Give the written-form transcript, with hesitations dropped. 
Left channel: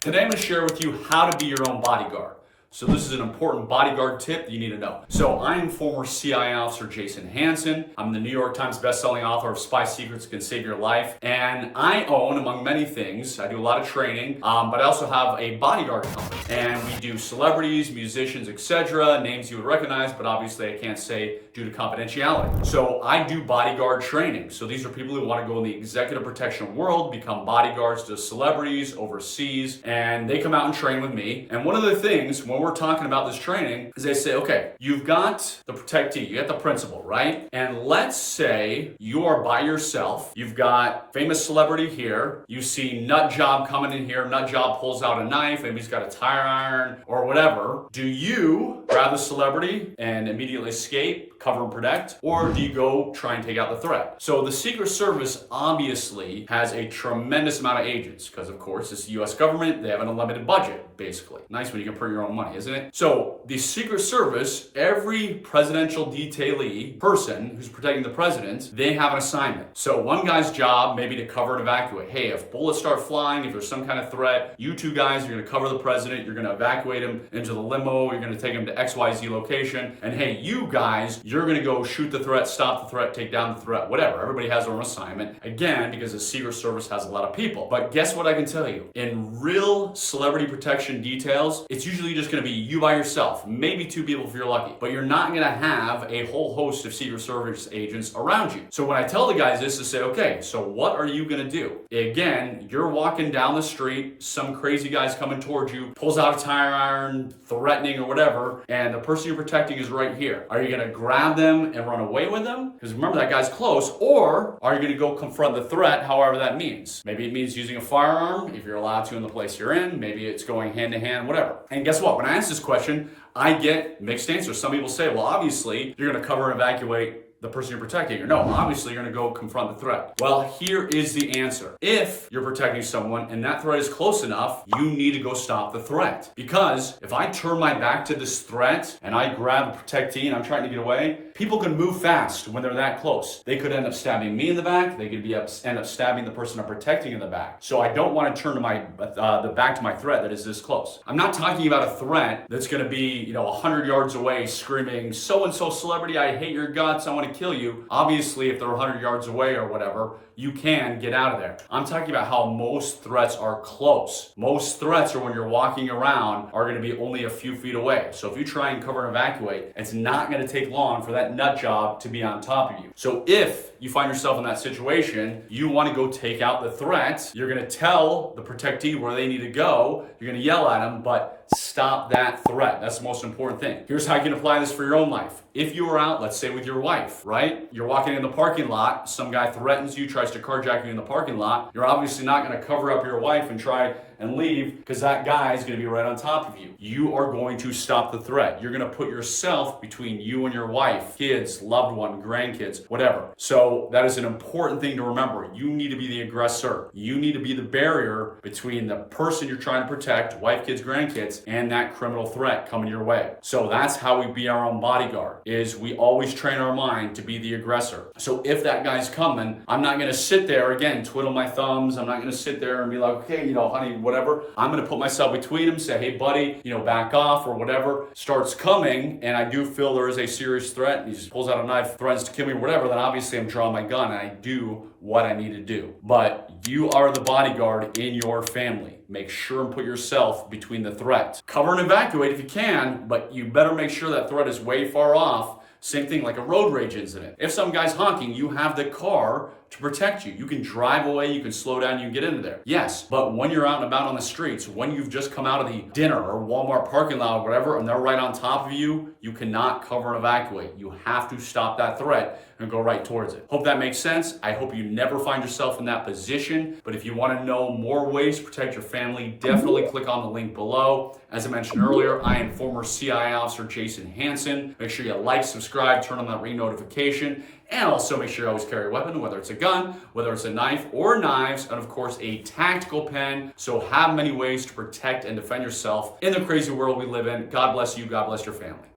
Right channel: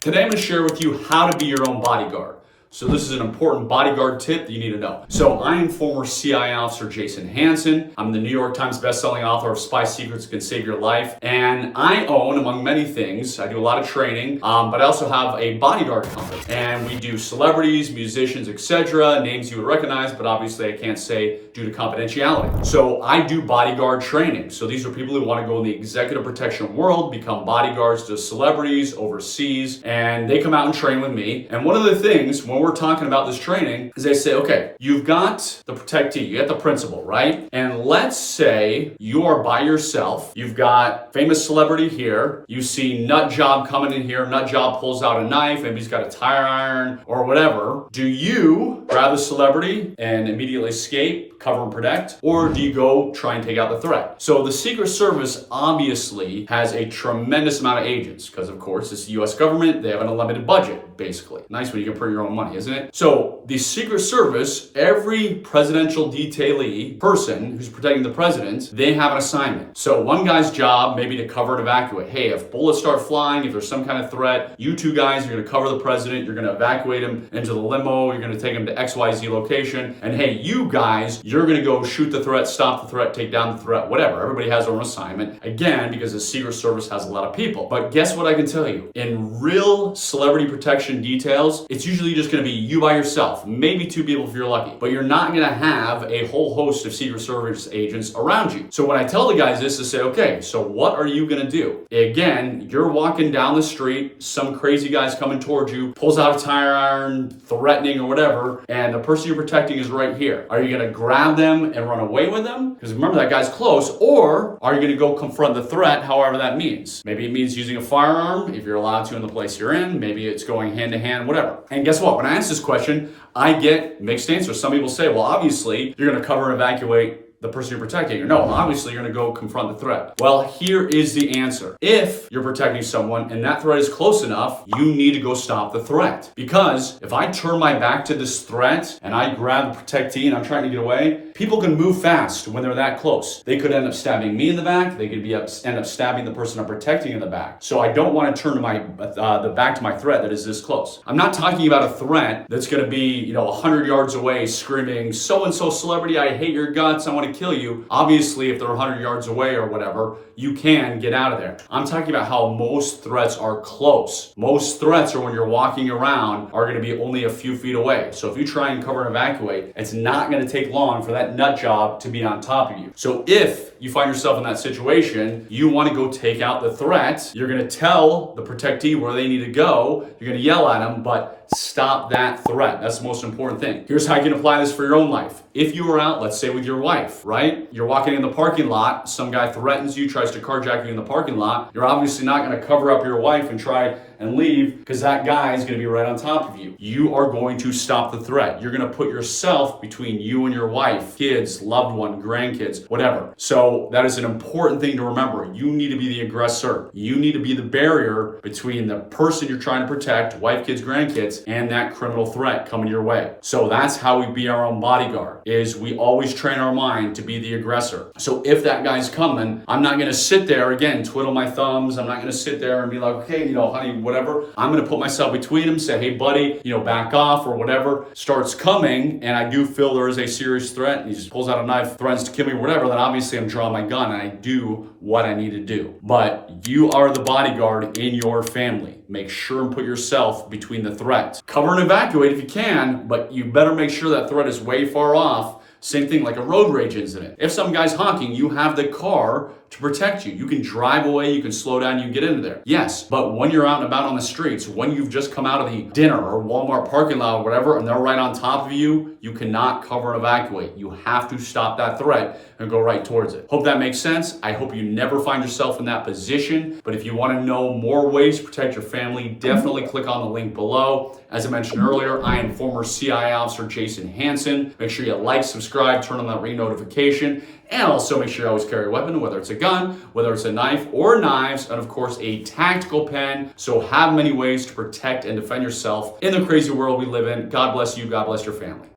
Today I'm going to share with you how to be your own bodyguard. So this is an important bodyguard tip that you need to know. So I am former CIA officer Jason Hanson. I'm the New York Times bestselling author of Spy Secrets That Can Save Your Life. And I own, among many things, I do a lot of training, but I also have a bodyguard company. And we do celebrities, musicians, etc., names you would recognize, but obviously I can't say due to confidentiality. So I do bodyguard training. So these are people who want to go in the executive protection world, become bodyguards to celebrities overseas, and they come out and train with me. And one of the things when we're talking about this training is they say, okay, you've got the protectee, you got the principal, right? And let's say you are by yourself, you've got famous celebrity here, you see nut job coming in here, nut job pulls out a knife, maybe he's got a tire iron or whatever. Do you grab the celebrity and immediately escape, cover and protect, or do you go try and take out the threat? So the Secret Service obviously has a tremendous amount of agents because of course it's the US government, they have an unlimited budget basically. Nice when you can print your own money, isn't it? So the Secret Service, every presidential detailee person who's protecting the president, they have an assignment. So one guy's job maybe to cover and evacuate. Hey, if bullets start flying, if there's some kind of threat, you two guys are gonna cover the president, you're gonna evacuate him into the limo, you're gonna take him to XYZ location, and hey, you guys, you're gonna go shoot the threat, stop the threat, take down the threat, whatever. Everybody has their own assignment. Again, because the Secret Service has a lot of people. But guess what I can tell you? In real celebrity protection details, it's usually just gonna be you by yourself, maybe two people if you're lucky, but you're not gonna have a whole host of Secret Service agents around you. So when I tell the guys this, to say, okay, so what are you gonna do? Again, you're walking down the street, some crazy guy's coming towards you, pulls out a tire iron, threatening or whatever, and the person you're protecting is right here. Are you gonna grab them and run away with them? Because remember, that guy's close. Or are you gonna go confront the threat, however that means? Maybe it means using a firearm, if you're allowed to in the place you're in. Maybe it's going hand to hand, whatever. And guess what? When I ask this question, I get mixed answers. Some people say, well, obviously, you're gonna cover and evacuate the person you're protecting. Or no, obviously you're gonna go confront the threat. Well, here is the answer. If you're protecting someone and that threat is close enough, you need to go stop the threat. Because if I turn my back to this threat and I grab the protectee and I'm trying to get away, people can move fast when they're that close. They could end up stabbing me in the back. They could end up stabbing the person I'm protecting in the back. So I don't want to turn to the back to my threat that is this close. I'm not talking about a threat that's gonna be 100 yards away screaming, so-and-so celebrity, I hate your guts, I want to kill you. Obviously, if they're 100 yards away or whatever, you can get out of there. I'm talking about how most threats are close. Most threats are when you're walking around are gonna be only a few feet away. So if you try and cover and evacuate, it's not gonna take long for that nut job to be on top of you. So if you find yourself in that situation, you wanna go take out the threat, you're gonna tell the protectee where they need to go, you're gonna yell at them, but stop that threat. That's the most important thing. Here's how you can apply this for your own life. If you are out, let's say with your wife, right? You're walking in the parking lot, some guy threatens you, tries to carjack you in the parking lot, you're obviously not gonna cover up your wife and try and leave because that guy is gonna be right on top of you. You are going to stop the threat. You're gonna put yourself between you and your wife, kids, loved one, grandkids, whatever. So that is an important thing to remember. You need to be the aggressor. You need to be the barrier between the person you're trying to protect, wife, kids, grandkids, and that criminal threat coming your way. So that's how we be our own bodyguard, is we always train our mind to be the aggressor. So if that guy's coming, I'm not gonna sit there, again, twiddle my thumbs. I'm not gonna sit there and be like, okay, honey, whatever. I'm gonna put myself between him, say, hey buddy, back off or whatever. Starts coming and I do feel there is a serious threat. He just pulls out a knife, threatens to kill me, whatever, then obviously I'm drawing my gun and I do what I need to do. But you are the bodyguard in your family. Make sure and put yourself between the threat. Cover and evacuate if you can, but you better make sure that threat is way far off. Same thing like a road rage incident. If some guy's honking, you have the car to protect you. You can drive away, you can slow down, you can get into there. Yes, but when you're out and about on the streets, when you've just come out of the dinner or Walmart parking lot or whatever, and they're right on top of you, you cannot cover and evacuate. You have to stop that threat and go right towards it. Hope that makes sense. I hope you never find yourself in that position, but if you want to know more ways to protect your family, definitely click on the link below. As I mentioned earlier, I am former CIA officer Jason Hanson. Make sure you like, subscribe, turn on that ring notification, and also make sure you always carry a weapon, whether it's a gun, whether it's a knife or knives, and of course a tactical pen. So have many ways to protect and defend yourself in the crazy world we live in. God bless you, God bless your family.